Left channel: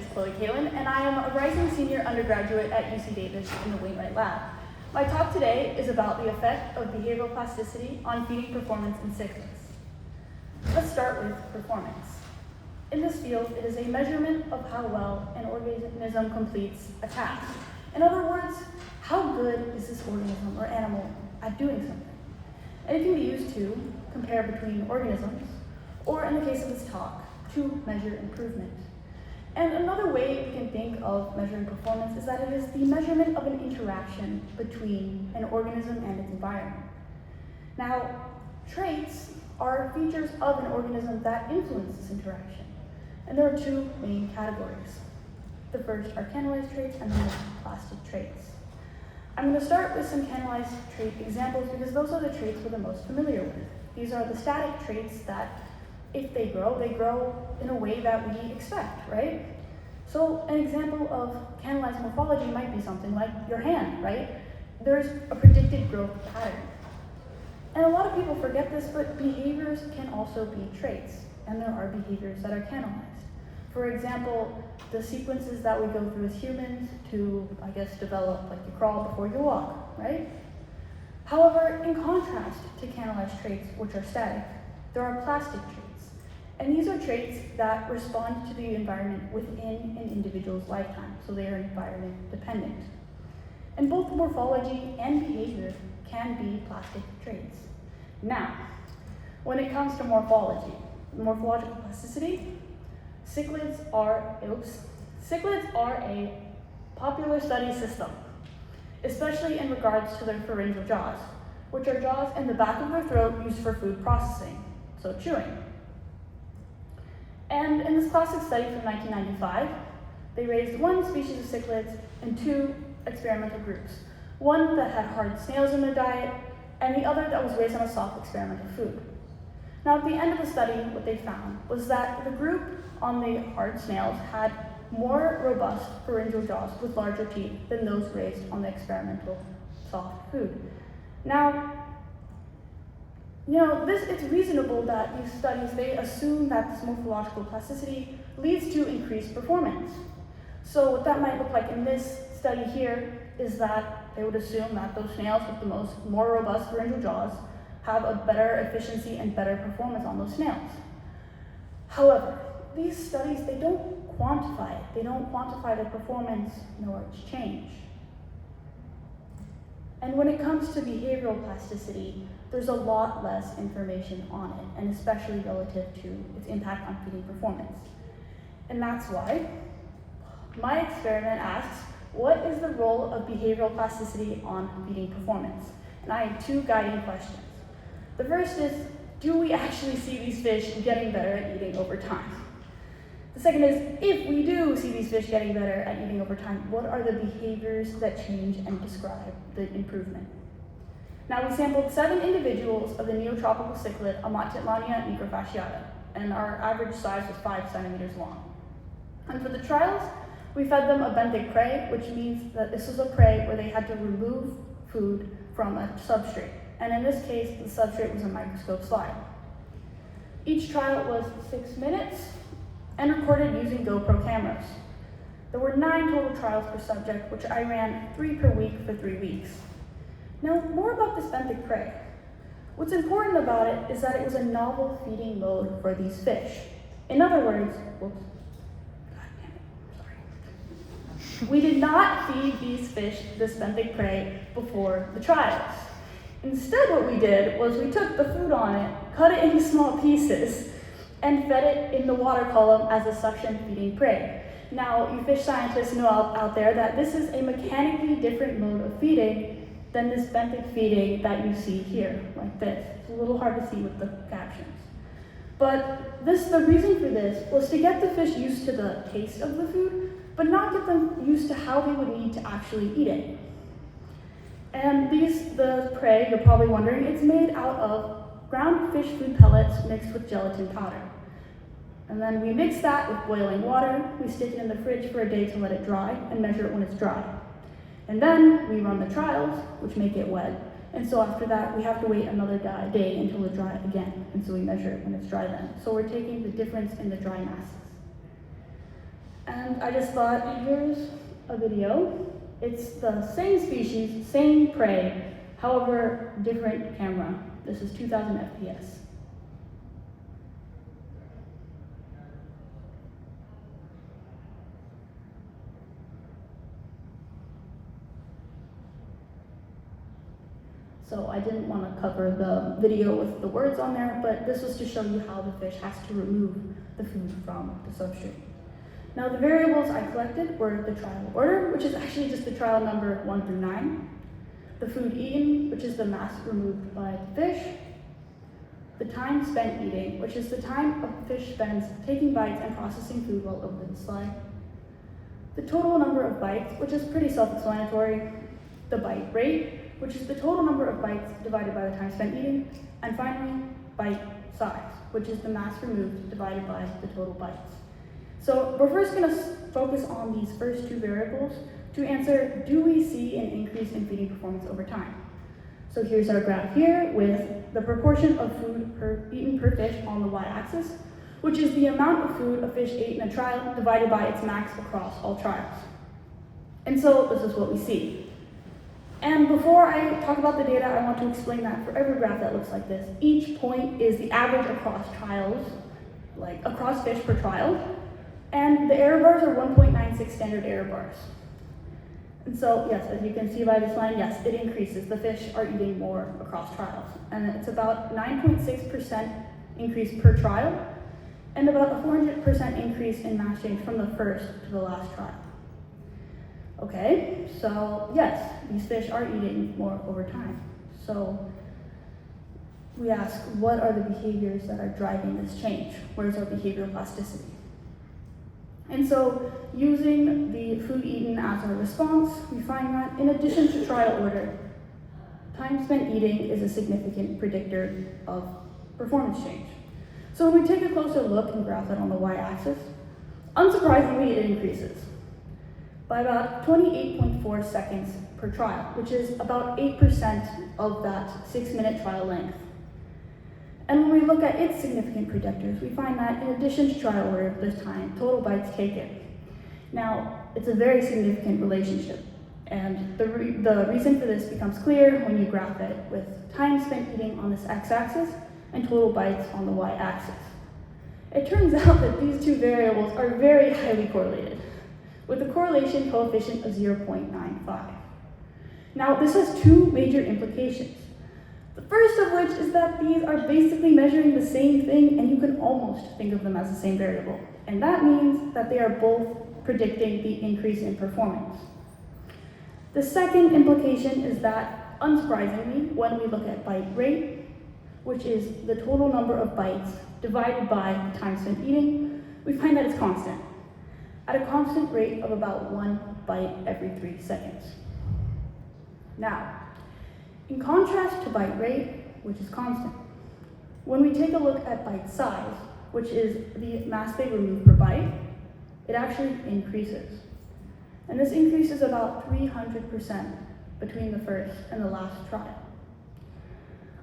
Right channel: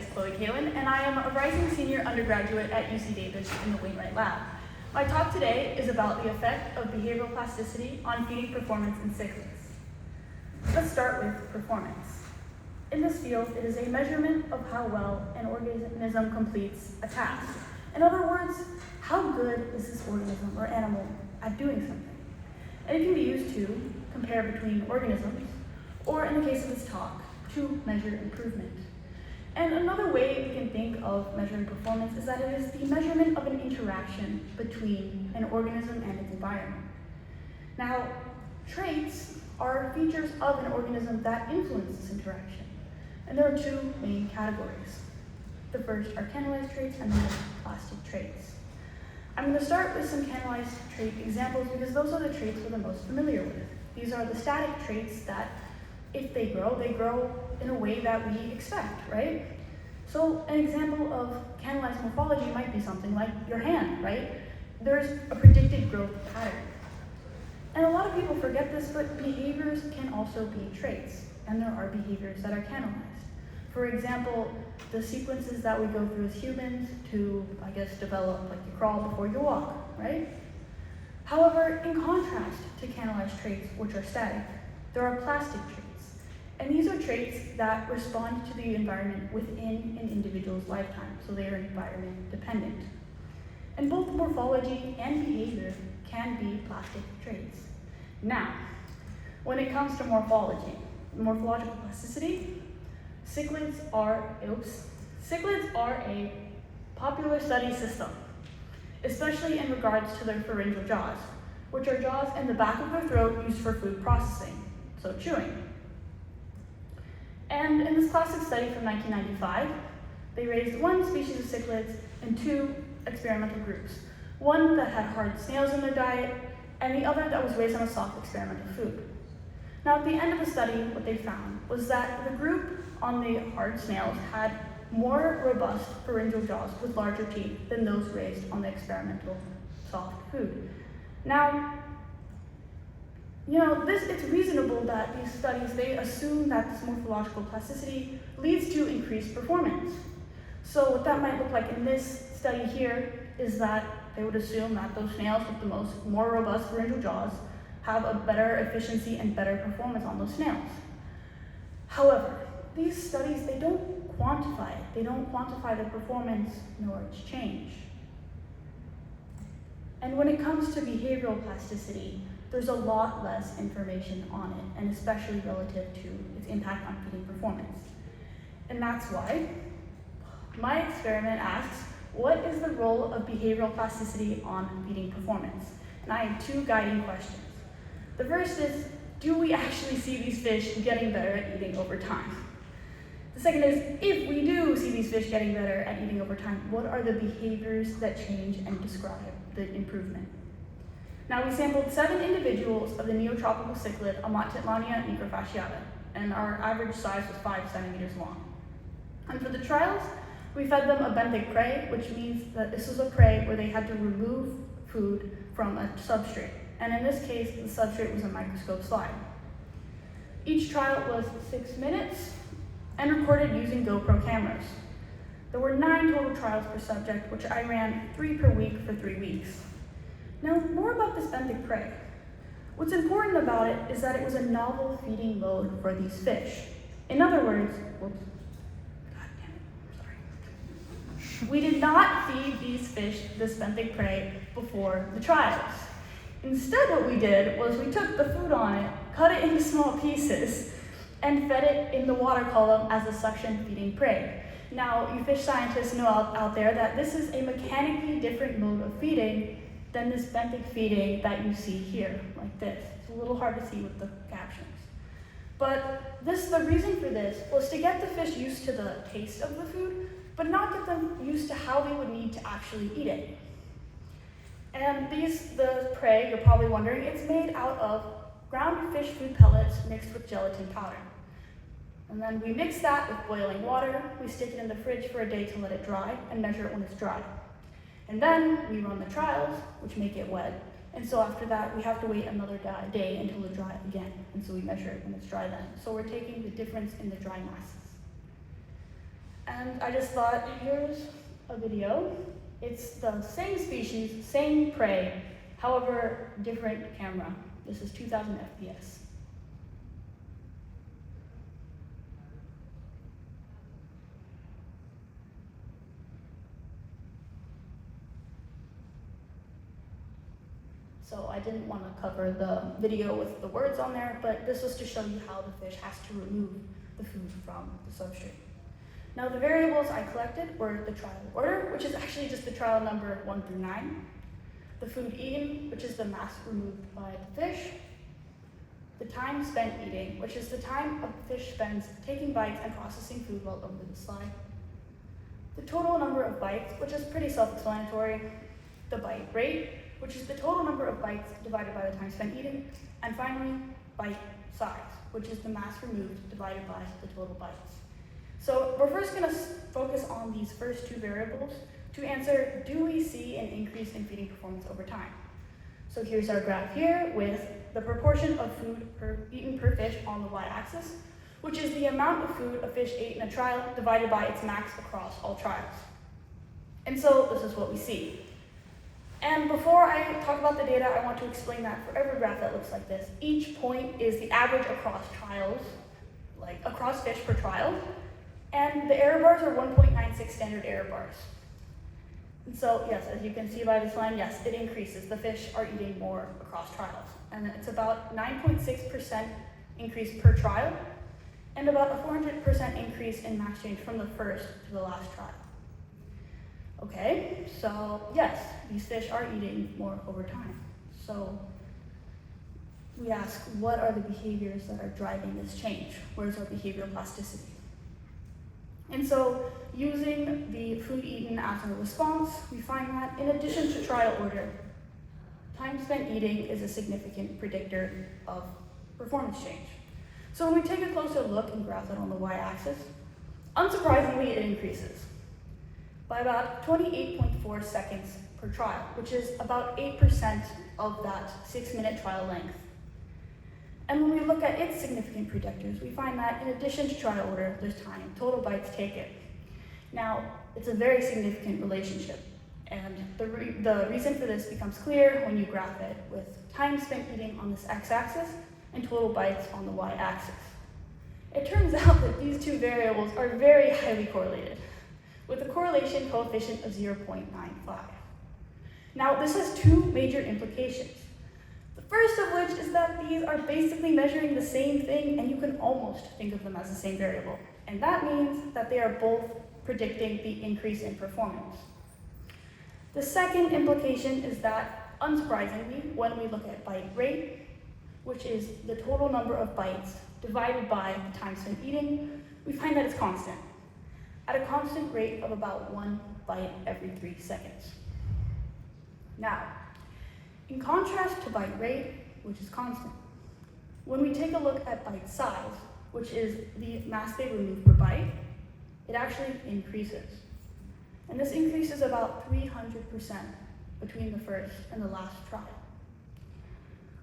is Chloe Kalin, and I am a rising senior undergraduate at UC Davis in the Wainwright Lab. My talk today is about the effect of behavioral plasticity on feeding performance in cichlids. Let's start with performance. In this field, it is a measurement of how well an organism completes a task. In other words, how good is this organism or animal at doing something? And it can be used to compare between organisms, or in the case of this talk, to measure improvement. And another way we can think of measuring performance is that it is the measurement of an interaction between an organism and its environment. Now, traits are features of an organism that influence this interaction. And there are two main categories. The first are canalized traits and the next plastic traits. I'm going to start with some canalized trait examples because those are the traits we're the most familiar with. These are the static traits that, if they grow in a way that we expect, right? So an example of canalized morphology might be something like your hand, right? There's a predicted growth pattern. And a lot of people forget this, but behaviors can also be traits, and there are behaviors that are canalized. For example, the sequences that we go through as humans to, develop, like you crawl before you walk, right? However, in contrast to canalized traits, which are static, there are plastic traits. And these are traits that respond to the environment within an individual's lifetime, so they are environment dependent. And both morphology and behavior can be plastic traits. Now, when it comes to morphology, morphological plasticity, cichlids are a popular study system, especially in regards to their pharyngeal jaws, which are jaws in the back of their throat used for food processing, so chewing. And in this classic study from 1995, they raised one species of cichlids in two experimental groups. One that had hard snails in their diet, and the other that was raised on a soft experimental food. Now at the end of the study, what they found was that the group on the hard snails had more robust pharyngeal jaws with larger teeth than those raised on the experimental soft food. Now, it's reasonable that these studies, they assume that this morphological plasticity leads to increased performance. So what that might look like in this study here is that they would assume that those snails with the more robust pharyngeal jaws have a better efficiency and better performance on those snails. However, these studies, they don't quantify it. They don't quantify the performance nor its change. And when it comes to behavioral plasticity, there's a lot less information on it, and especially relative to its impact on feeding performance. And that's why my experiment asks, what is the role of behavioral plasticity on feeding performance? And I have two guiding questions. The first is, do we actually see these fish getting better at eating over time? The second is, if we do see these fish getting better at eating over time, what are the behaviors that change and describe the improvement? Now, we sampled 7 individuals of the neotropical cichlid Amatitlania microfasciata, and our average size was 5 centimeters long. And for the trials, we fed them a benthic prey, which means that this is a prey where they had to remove food from a substrate. And in this case, the substrate was a microscope slide. Each trial was 6 minutes and recorded using GoPro cameras. There were 9 total trials per subject, which I ran 3 per week for 3 weeks. Now, more about this benthic prey. What's important about it is that it was a novel feeding mode for these fish. In other words, we did not feed these fish this benthic prey before the trials. Instead, what we did was we took the food on it, cut it into small pieces, and fed it in the water column as a suction feeding prey. Now, you fish scientists know out there that this is a mechanically different mode of feeding than this benthic feeding that you see here, like this. It's a little hard to see with the captions. But the reason for this was to get the fish used to the taste of the food, but not get them used to how they would need to actually eat it. And the prey, you're probably wondering, it's made out of ground fish food pellets mixed with gelatin powder. And then we mix that with boiling water, we stick it in the fridge for a day to let it dry, and measure it when it's dry. And then we run the trials, which make it wet. And so after that, we have to wait another day until it dries again. And so we measure it when it's dry then. So we're taking the difference in the dry masses. And I just thought, here's a video. It's the same species, same prey, however, different camera. This is 2000 FPS. So I didn't want to cover the video with the words on there, but this was to show you how the fish has to remove the food from the substrate. Now the variables I collected were the trial order, which is actually just the trial number 1 through 9, the food eaten, which is the mass removed by the fish, the time spent eating, which is the time a fish spends taking bites and processing food while over the slide, the total number of bites, which is pretty self-explanatory, the bite rate, which is the total number of bites divided by the time spent eating, and finally, bite size, which is the mass removed divided by the total bites. So we're first going to focus on these first two variables to answer, do we see an increase in feeding performance over time? So here's our graph here with the proportion of food eaten per fish on the y-axis, which is the amount of food a fish ate in a trial divided by its max across all trials. And so this is what we see. And before I talk about the data, I want to explain that for every graph that looks like this, each point is the average across trials, like across fish per trial, and the error bars are 1.96 standard error bars. And so, yes, as you can see by this line, yes, it increases. The fish are eating more across trials. And it's about 9.6% increase per trial, and about a 400% increase in mass change from the first to the last trial. Okay, so yes, these fish are eating more over time. So we ask, what are the behaviors that are driving this change? Where's our behavioral plasticity? And so using the food eaten as a response, we find that in addition to trial order, time spent eating is a significant predictor of performance change. So when we take a closer look and graph that on the y-axis, unsurprisingly it increases by about 28.4 seconds per trial, which is about 8% of that 6-minute trial length. And when we look at its significant predictors, we find that in addition to trial order, there's time, total bites taken. Now, it's a very significant relationship, and the reason for this becomes clear when you graph it with time spent eating on this x-axis and total bites on the y-axis. It turns out that these two variables are very highly correlated, with a correlation coefficient of 0.95. Now, this has two major implications. The first of which is that these are basically measuring the same thing, and you can almost think of them as the same variable. And that means that they are both predicting the increase in performance. The second implication is that, unsurprisingly, when we look at bite rate, which is the total number of bites divided by the time spent eating, we find that it's constant, at a constant rate of about 1 bite every 3 seconds. Now, in contrast to bite rate, which is constant, when we take a look at bite size, which is the mass they remove per bite, it actually increases. And this increases about 300% between the first and the last trial.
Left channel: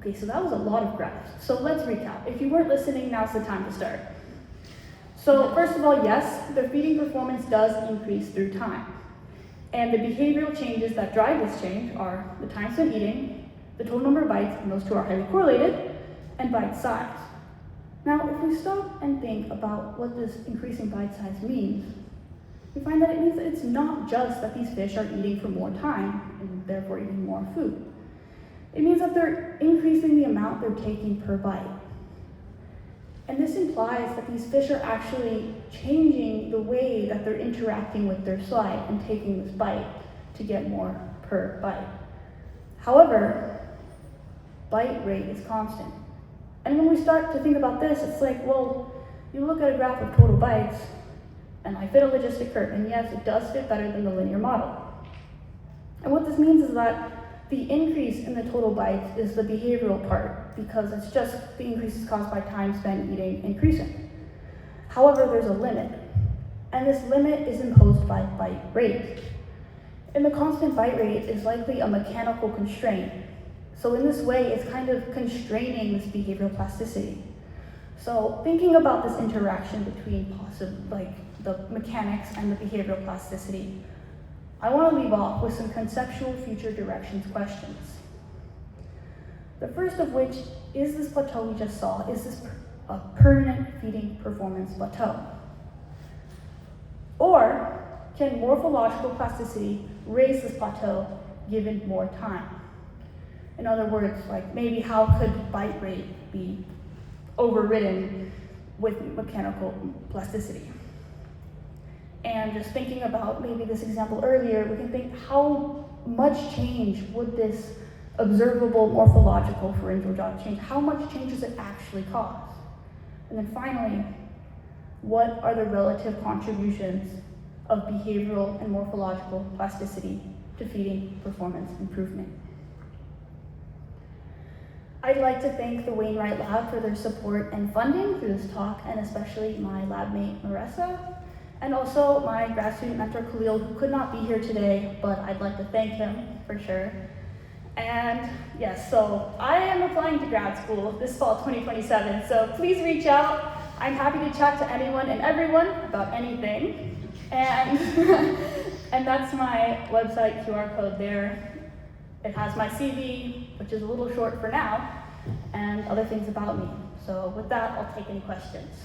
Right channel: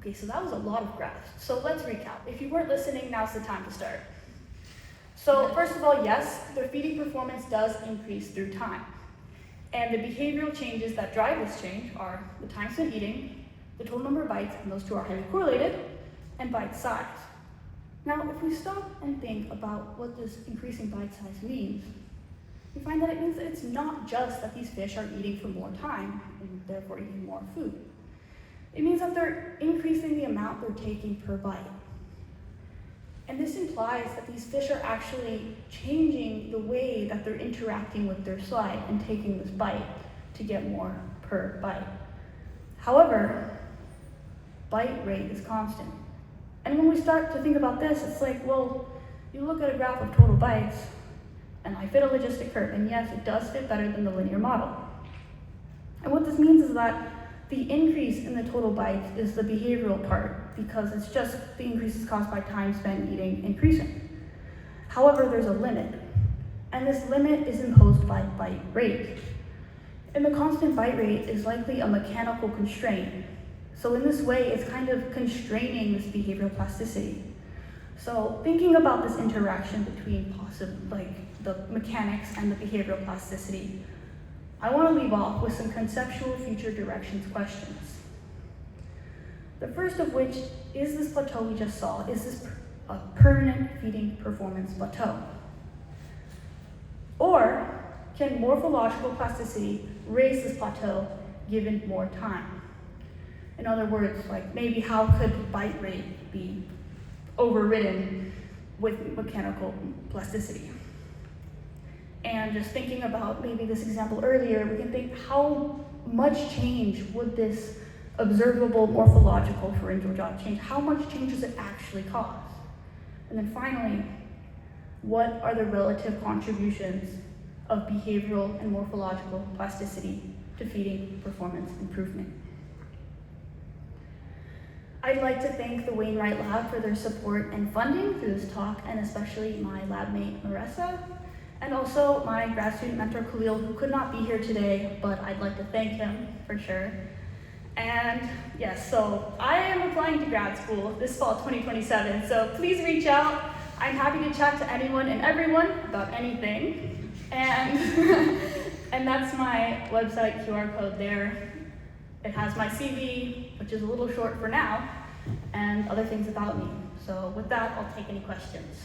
Okay, so that was a lot of graphs. So let's recap. If you weren't listening, now's the time to start. So first of all, yes, the feeding performance does increase through time. And the behavioral changes that drive this change are the time spent eating, the total number of bites, and those two are highly correlated, and bite size. Now, if we stop and think about what this increasing bite size means, we find that it means that it's not just that these fish are eating for more time, and therefore eating more food. It means that they're increasing the amount they're taking per bite. And this implies that these fish are actually changing the way that they're interacting with their slide and taking this bite to get more per bite. However, bite rate is constant. And when we start to think about this, it's like, well, you look at a graph of total bites, and I fit a logistic curve, and yes, it does fit better than the linear model. And what this means is that the increase in the total bites is the behavioral part, because it's just the increases caused by time spent eating increasing. However, there's a limit, and this limit is imposed by bite rate. And the constant bite rate is likely a mechanical constraint. So in this way, it's kind of constraining this behavioral plasticity. So thinking about this interaction between the mechanics and the behavioral plasticity, I want to leave off with some conceptual future directions questions. The first of which is this plateau we just saw, is this a permanent feeding performance plateau? Or can morphological plasticity raise this plateau given more time? In other words, like maybe how could bite rate be overridden with mechanical plasticity? And just thinking about maybe this example earlier, we can think how much change would this observable morphological pharyngeal jaw change? How much change does it actually cause? And then finally, what are the relative contributions of behavioral and morphological plasticity to feeding performance improvement? I'd like to thank the Wainwright Lab for their support and funding through this talk, and especially my lab mate, Marissa, and also my grad student mentor, Khalil, who could not be here today, but I'd like to thank him for sure. And yes, so I am applying to grad school this fall 2027, so please reach out. I'm happy to chat to anyone and everyone about anything. And, and that's my website QR code there. It has my CV, which is a little short for now, and other things about me. So with that, I'll take any questions.